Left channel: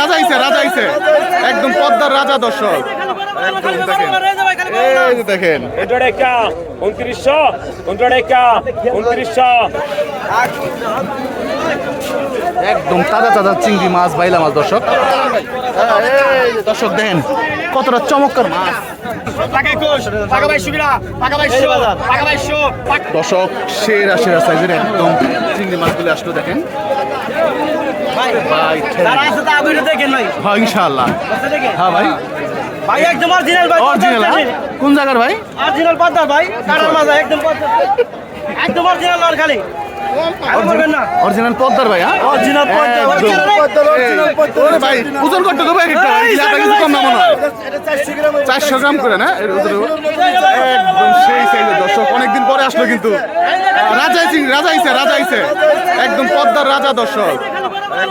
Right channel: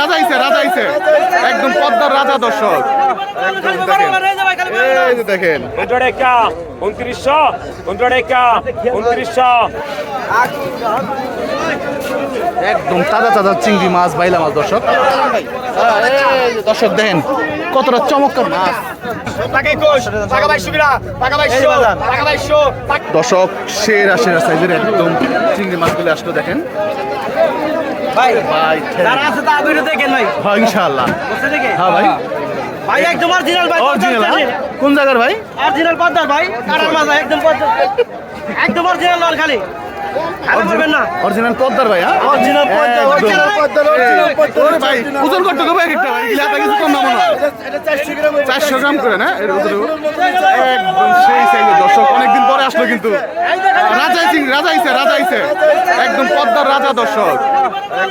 রাজা আইছে রাজা আইছে। একদম পদ্মার রাজা দর্শক। একদম দেখেন। এই যে দেখেন। উনত্রিশশো উনত্রিশশো উনত্রিশশো উনত্রিশশো। একদম তাজা তাজা চিংড়ি মাছ বাইলা মাছ দর্শক। দর্শক দেখেন কতটা চমৎকার মাছ। দর্শক সেরা সেরা সাইজের একদম চিংড়ি মাছগুলো আসলো দেখেন। ভাই যারা আছে তা ভিডিও দেখেন ভাই। হ্যাঁ ইনশাআল্লাহ। হ্যাঁ ভাই। ভাই একদম অরিজিনাল ভাই অরিজিনাল কোন জায়গার ভাই? অরিজিনাল পদ্মার ভাই মাঝে একদম পদ্মা একদম অরিজিনাল খালি। আরে অরিজিনাল পদ্মার ভাই হ্যাঁ? Original Padma, original Padma, original Padma. ওরে ভাই ওজন করতে হবে একটা ইলাকা কিছু কম না মনে হয়? চারশো গ্রাম করে না? এর একদম সেই সাইজের দর্শক অনেকদিন পরে আসলো কিন্তু। রাজা সিং রাজা আইছে রাজা আইছে। একদম পদ্মার রাজা দর্শক। হ্যাঁ?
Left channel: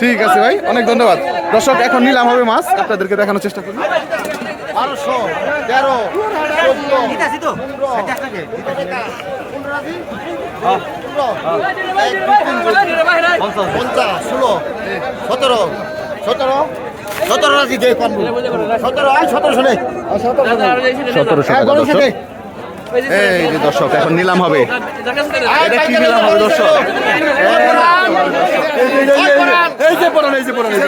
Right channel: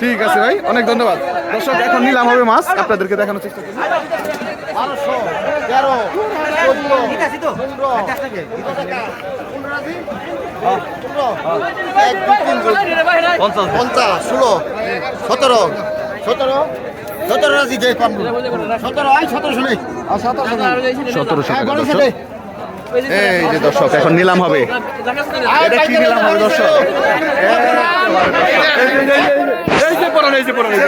ঠিক আছে ভাই অনেক ধন্যবাদ দর্শক এখন নিলাম হবে মাছ আপনাদেরকে দেখানোর চেষ্টা করি পঞ্চাশ ষোলো সতেরো সতেরো সতেরো রাজি সতেরো এই যে দর্শক এখন নিলাম হবে। এটা কি নিলাম হবে দর্শক? এই যে, পড়ান, এই পড়ান, এই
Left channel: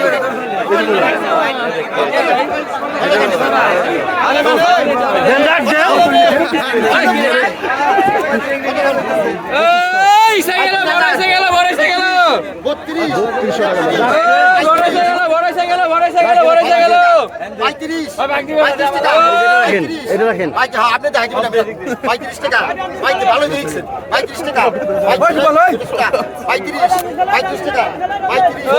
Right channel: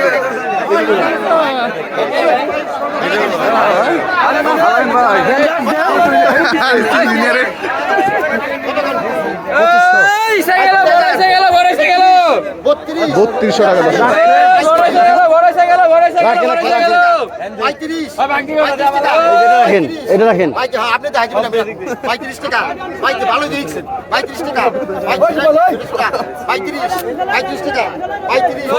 বত্রিশশো টাকা এটা রাখেন। পঁয়ত্রিশ, হ্যাঁ, আপনি। পঁয়ত্রিশ টাকা। ভালো দেখছেন। পঁয়ত্রিশ টাকা। পঁয়ত্রিশ পঁয়ত্রিশ টাকা। পঁয়ত্রিশ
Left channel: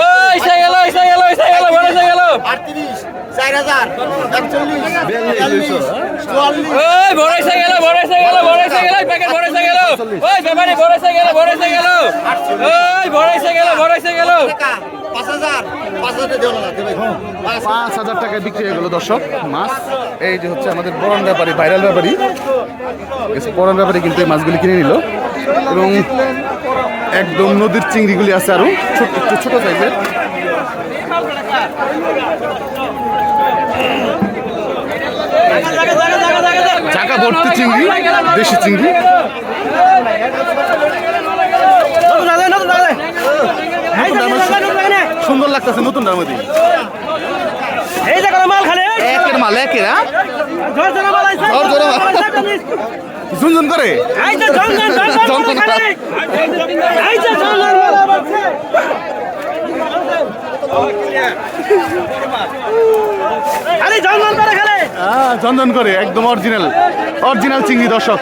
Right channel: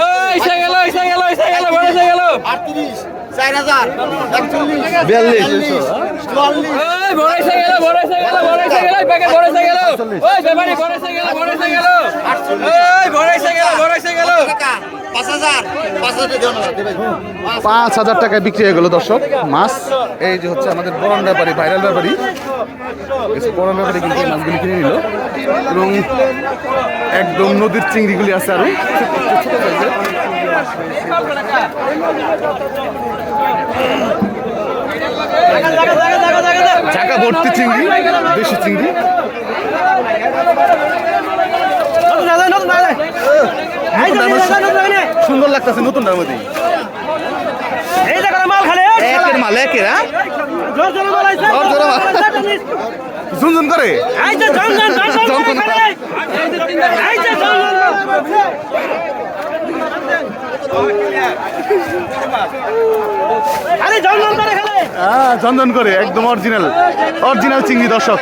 আটত্রিশ চার হাজার একচল্লিশ বিয়াল্লিশ, বিয়াল্লিশ চুয়াল্লিশ। গেল গেল গেল প্যাকেট গেল। ওই ব্যাপারি গেল গেল। ওই গেল গেল। পাঁচ হাজার টাকায় বিক্রি হয়ে গেল দর্শক মাছ। এই যে হচ্ছে আমাদের বরণ ব্যাপারী ভাইরাল ব্যাপারী। বরণ ব্যাপারী কিন্তু এই মাছগুলি কিনে নিল। এবং একদম নদীর চিংড়িগুলি আছে আরও। ছোট ছোট ছোট সাইজের। ভর্তি চিংড়ি দেশি চিংড়ি। সুন্দর লাগতেছে নতুন দামতি এই যে করে মাল খালি একের মাল একের হ্যাঁ। ঝুনঝুন করে। এই যে জন জন জন জন জন জন। খালি। এই যে জন জন মাল আইছে আরে করে হ্যাঁ ঝনঝন করে একদম অরিজিনাল অরিজিনাল চিংড়ি দর্শক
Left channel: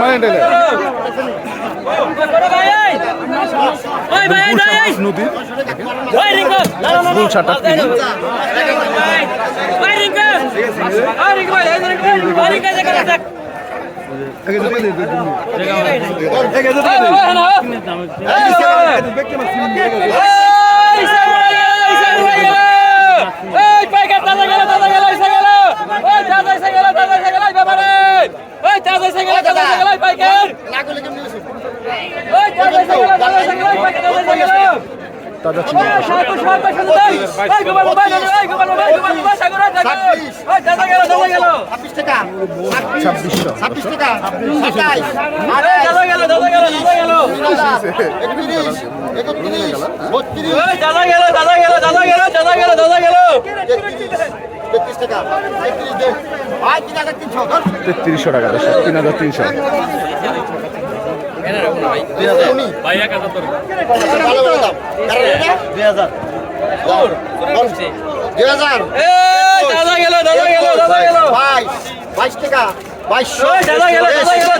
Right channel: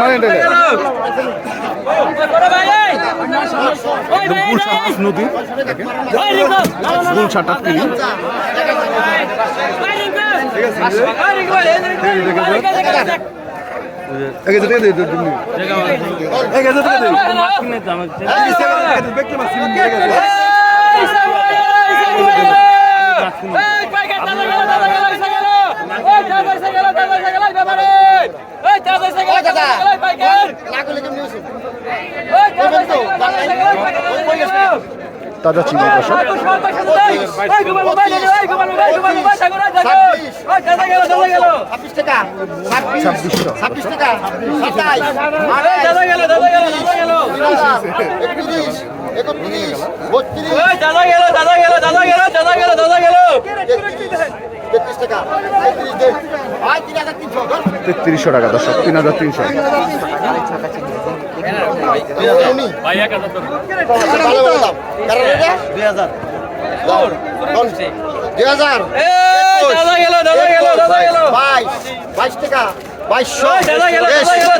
মানে গুলশা মাছ নদীর গুলশা টাটকিনি এই প্যাকেট দাদা গেল দাদা গেল এসে গেল এই দাদা এসে গেল দাদা এসে গেল ব্যাপারে এই দাদা এসে গেল দাদা গেল প্যাকেট লাগলে কেমন হয়েছে? ওই দাদা এসে গেল দাদা এসে গেল গেল তাজা চিংড়ি ছাব্বিশ টাকা। ছাব্বিশশো। ছাব্বিশ টাকা। তেত্রিশশো টাকা দর্শক তিন হাজার তিনশো। দুই হাজার। দুই হাজার। বাইশ বাইশ টাকা বাইশশো দাদা গেল, গেল, গেল,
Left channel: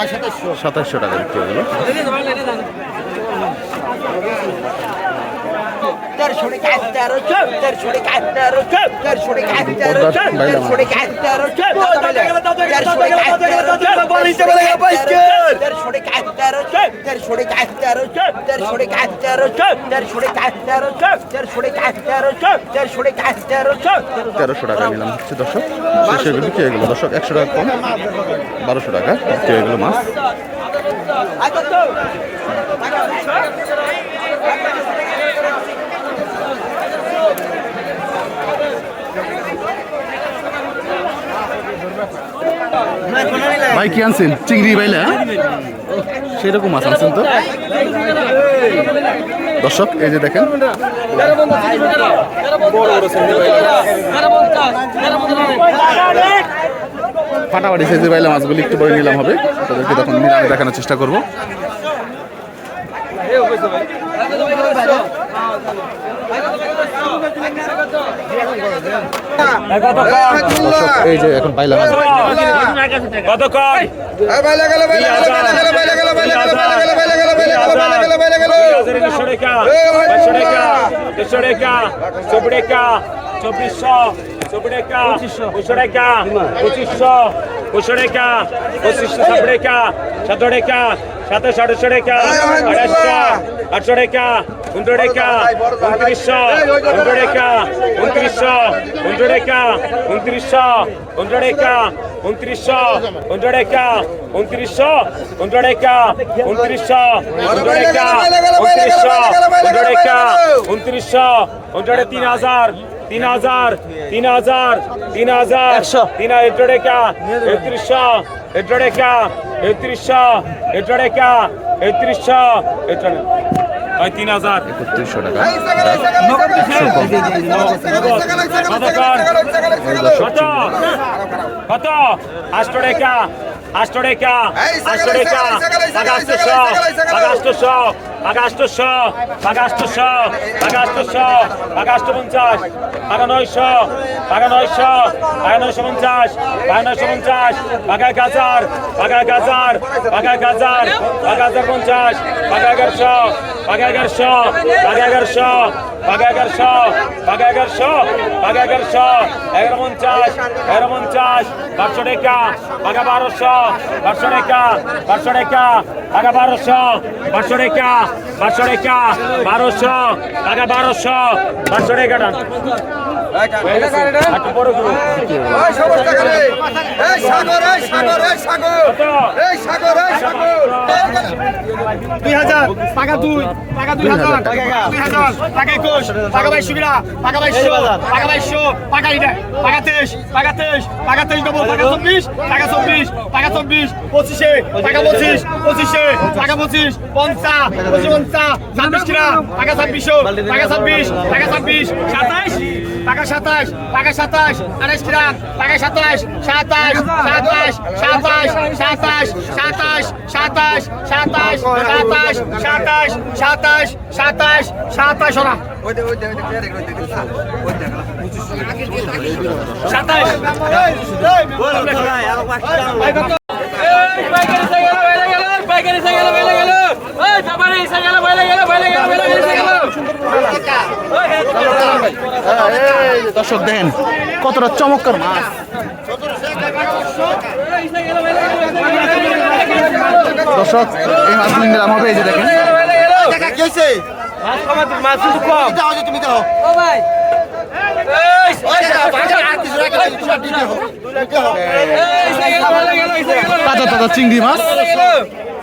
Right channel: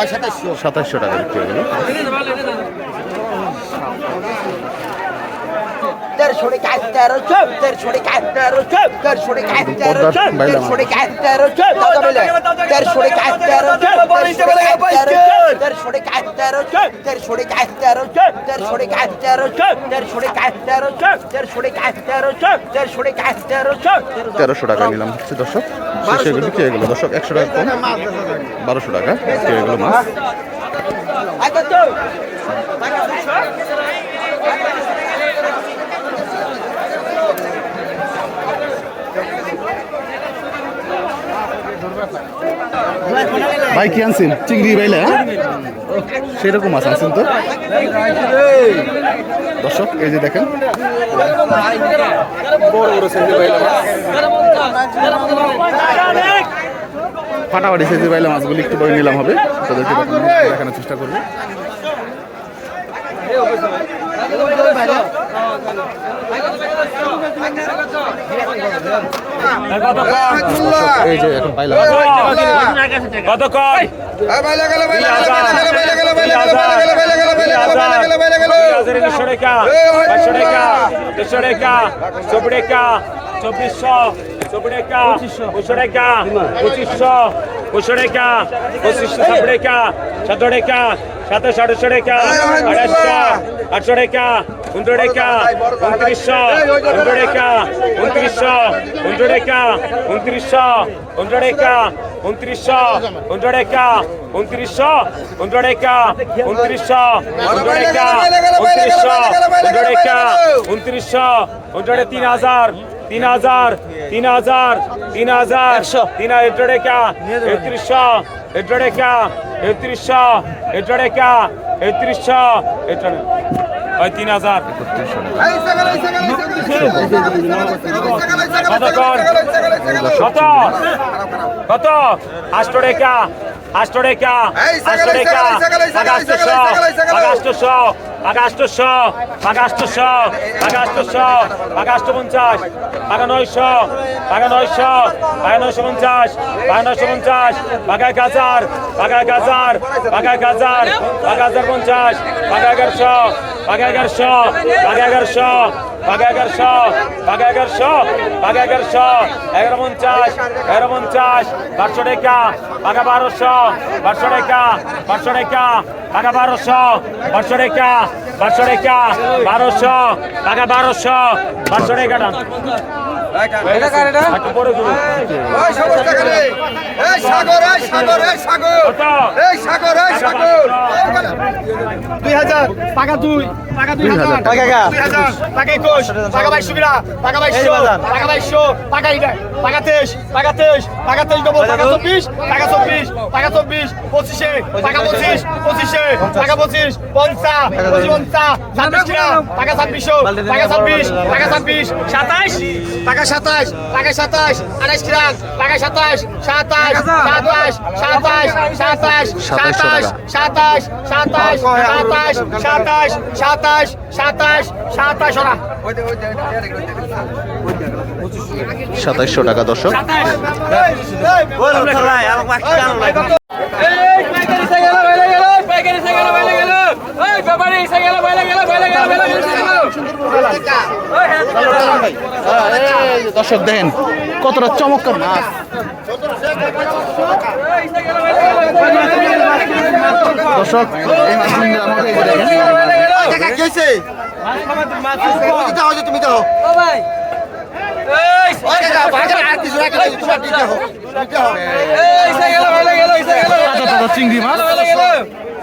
সাতাইশশো সাতাশশো টাকা বিক্রি হয়ে গেল। টাকা তেরোশো টাকা নিলাম হচ্ছে দর্শক সেগুলো বিক্রি হয়ে গেলো দর্শক একশো টাকা কম বারোশো টাকা বিক্রি হয়ে গেলো মাছ ভাই, কি আনছেন? চিংড়ি বাইলা হ্যাঁ? সেরকম মাছ আনছেন তো? দর্শক, এই যে দেখেন। বড় বড় ফাটাফাটি সেজে বাইলা মাছগুলি একটু পরে নিলাম হবে। তাদেরকে দেখানোর চেষ্টা করব। এই যে এখন বাইলা মাছ কতক্ষণ চব্বিশশো চব্বিশশো পঁচিশশো টাকা পঁচিশশো পঁচিশশো টাকা পঁচিশশো ষাট টাকা সতেরো টাকা সাতাশ আটশো টাকা আঠাশশো আটশো টাকা উনত্রিশ টাকা উনত্রিশশো উনত্রিশ টাকা উনত্রিশশো উনত্রিশ টাকা উনত্রিশশো উনত্রিশ টাকা উনত্রিশশো উনত্রিশ টাকা উনত্রিশশো উনত্রিশ টাকা উনত্রিশশো উনত্রিশ টাকা উনত্রিশশো উনত্রিশ টাকা উনত্রিশশো উনত্রিশ তিন হাজার তিন হাজার তিন হাজার তিন হাজার তিন হাজার টাকা একত্রিশশো এটো টাকা একত্রিশশো এটো টাকা একত্রিশশো এটো ওই তিন হাজার একত্রিশশো টাকা কত কত আষ্ট টাকা আষ্ট টাকা আষ্ট টাকা আগাস্টশো আগাস্টশো আগাস্টশো আগাস্টশো আগাস্টশো আগাস্ট পঞ্চাশ আগা নয়শো আগা নয়শো আগা নয়শো পঞ্চাশ আগা নয়শো পঞ্চাশ আগা এক হাজার আগা এক হাজার আগা এক হাজার আগা হাজার পঞ্চাশ আগা এগারোশো আগা এগারোশো আগা এগারোশো اگر شو اگر شو اگر شو اگر من چاش اگر من چاش بچو دے کیا اگر بارو شو بچو دے کیا بچو دے کیا اگر بارو شو بچو دے کیا بچو دے کیا بارو شو اگر بارو شو بچو دے کیا দুই হাজার টাকা দুই টাকা দুই হাজার টাকা। একুশ টাকা বাইশশো কিনা টাকা বাইশশো টাকা বাইশশো টাকা এটা টাকা তেইশ টাকা তেইশ টাকা তেইশ দেবো টাকা চব্বিশ টাকা চব্বিশ টাকা চব্বিশ পঁচিশে টাকা পঁচিশ পঁচিশে টাকা পঁচিশ পঞ্চাশ পঁচিশ পঞ্চাশ ছাব্বিশ টাকা ছাব্বিশশো টাকা ছাব্বিশ টাকা ছাব্বিশ সাতাইশ টাকা সাতাশ টাকা সাতাশ আঠাশ কিনা টাকা সাতাশ সাতাশ সাতাশ সাতাশ সাতাশ সাতাশ সাতাশ সাতাশ সাতাশ সাতাশ সাতাশ সাতাশ সাতাশ ওরা সাতাইশশো টাকা দর্শক হ্যাঁ, দর্শক দেন কতটা চমৎকার মাছ। দর্শক, এই মাছ নিন্দ্রা আমাদের এই যে দেখেন। চিংড়ি মাছ।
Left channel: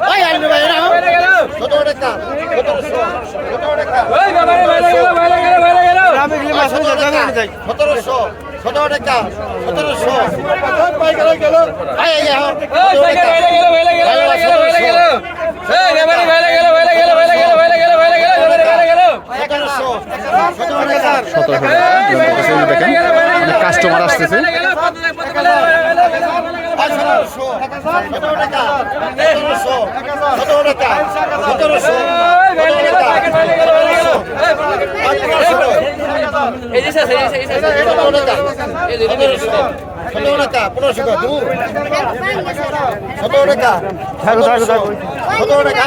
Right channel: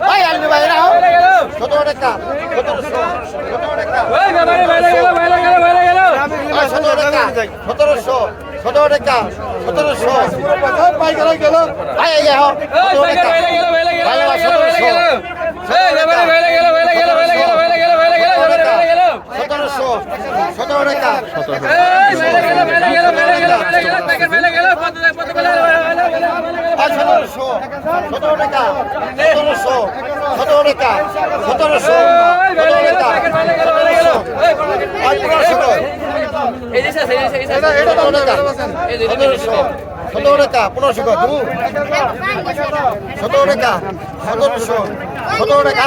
ভাই আইলে ভাই এরা কত টাকা কত টাকা ওই বাবা রে ভাই গেল ভাই গেল ভাই গেল 1700 17 টাকা 1700 ভাই গেল গেল ভাই আইয়া হ 17 টাকা ভাই 1700 এই কাস্টমার আসতেছে সতেরোশো সতেরো টাকা সতেরোশো সতেরো টাকা সতেরোশো সতেরো টাকা সতেরোশো আঠারোশো সতেরো টাকা সতেরোশো সতেরো টাকা পনেরোশো টাকা দু সতেরো টাকা সতেরোশো সতেরো টাকা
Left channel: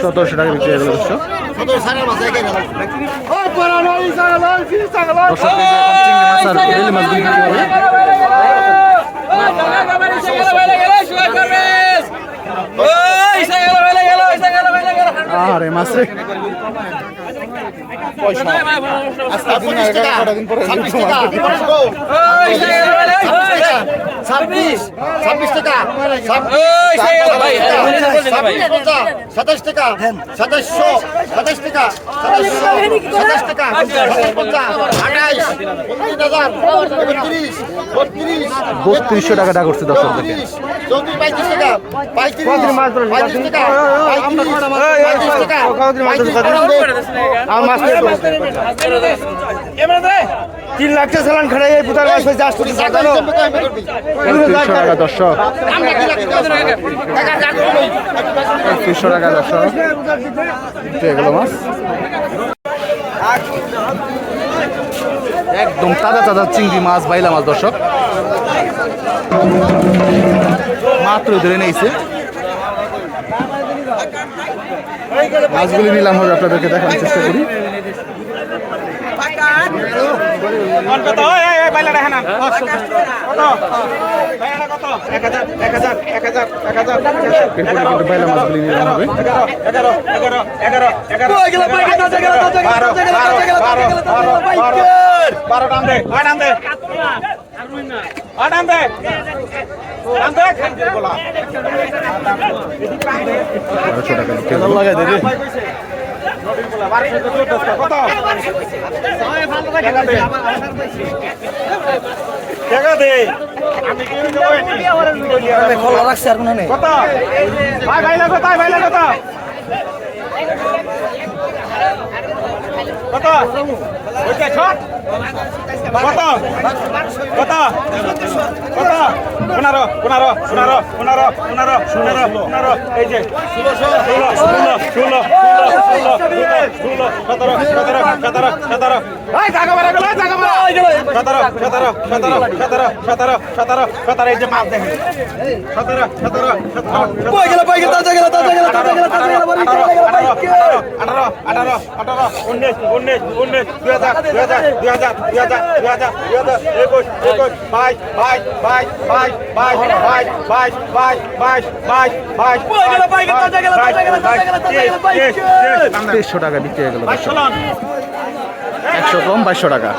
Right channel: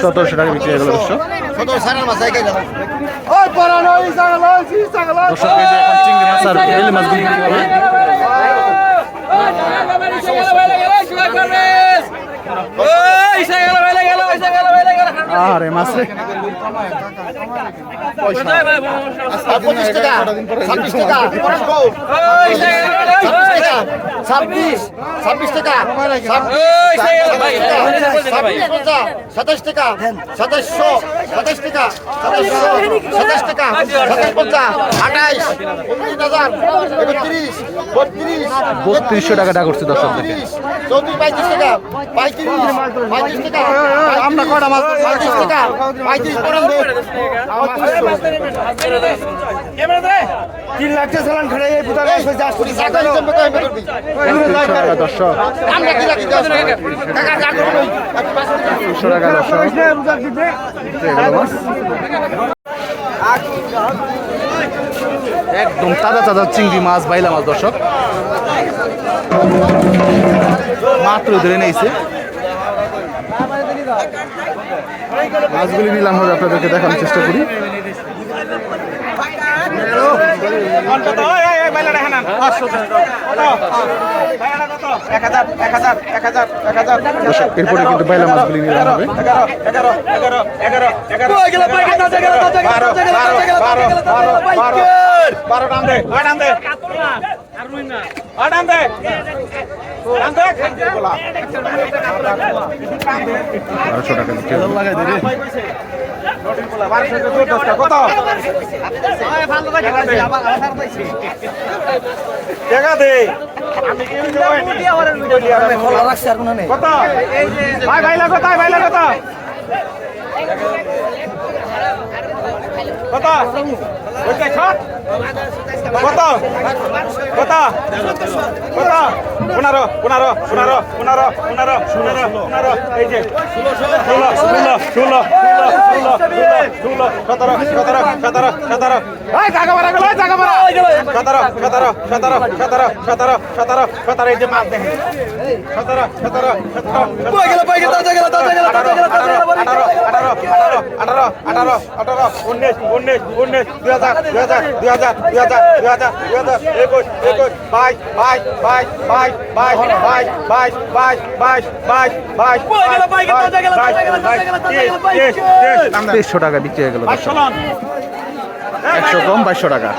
সতেরোশো টাকা বিক্রি হয়ে গেল দর্শক সতেরো সাড়ে মাস আগে গেল দর্শক এখন চিংড়ি মাছ আর বেলি মাছগুলি বিক্রি হবে। আরে মাসে মাছ রে পয়সা পঁচিশ টাকা। ছাব্বিশ টাকা। ছাব্বিশ ছাব্বিশ টাকা। ছাব্বিশ পঞ্চাশ সাতাশ টাকা। সাতাশশো। সাতাশ টাকা। সাতাশশো। সাতাশ টাকা। পঞ্চাশ আঠাইশ উনত্রিশ হাজার একত্রিশ বত্রিশ। বত্রিশশো টাকা টাকা করছে দর্শক দেখে। চৌত্রিশ। পঁয়ত্রিশ টাকা। পঁয়ত্রিশ। পঁয়ত্রিশ টাকা। পঁয়ত্রিশ পঁয়ত্রিশ। টাকা। পঁয়ত্রিশ তিন লাখ তিনশো টাকা একদম তাজা তাজা চিংড়ি মাছ বাইলা মাছ দর্শক। মাত্র ধরে নিয়েছে। মাছগুলি নিলাম হবে আপনাদেরকে দেখানোর চেষ্টা করি এরপরে কিন্তু বাইলা মাছগুলি নিলাম হবে বারো আট নাম দে বারোশো টাকা বিক্রি দেখা দে। আমি কি কত ভাই ভাই লাগো তাই ভাই লাগো তো কত ওইটা ছট কত কত কত পনেরো পনেরো পনেরো পনেরো পনেরো পনেরো পনেরো এই যে ষোলো ষোলো ষোলো ষোলো ষোলো সতেরো সতেরো সতেরো সতেরো সতেরো সতেরো সতেরো সতেরো সতেরো সতেরো সতেরো এই যে মাছ দেখেন সতেরো সতেরো আঠারো আঠারো আঠারো বাইশ বাইশ বাইশ বাইশ বাইশ বাইশ বাইশ বাইশ টাকা হয়ে একশো কম বাইশশো টাকা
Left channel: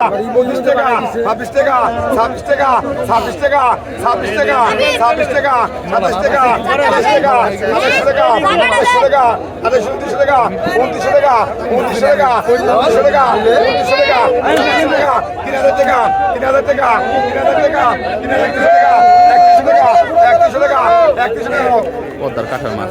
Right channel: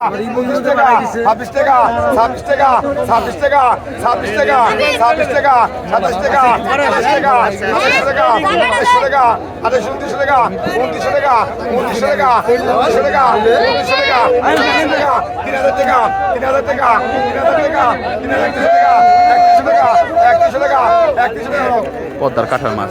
পঁচিশ টাকা ছাব্বিশ টাকা ছাব্বিশ টাকা ছাব্বিশ টাকা ছাব্বিশ টাকা ছাব্বিশ টাকা সাতাশ টাকা আঠাশ টাকা আঠাশ টাকা আঠাশ টাকা আঠাশ উনত্রিশ টাকা উনত্রিশ পদ্মার কাঁঠাল মাছ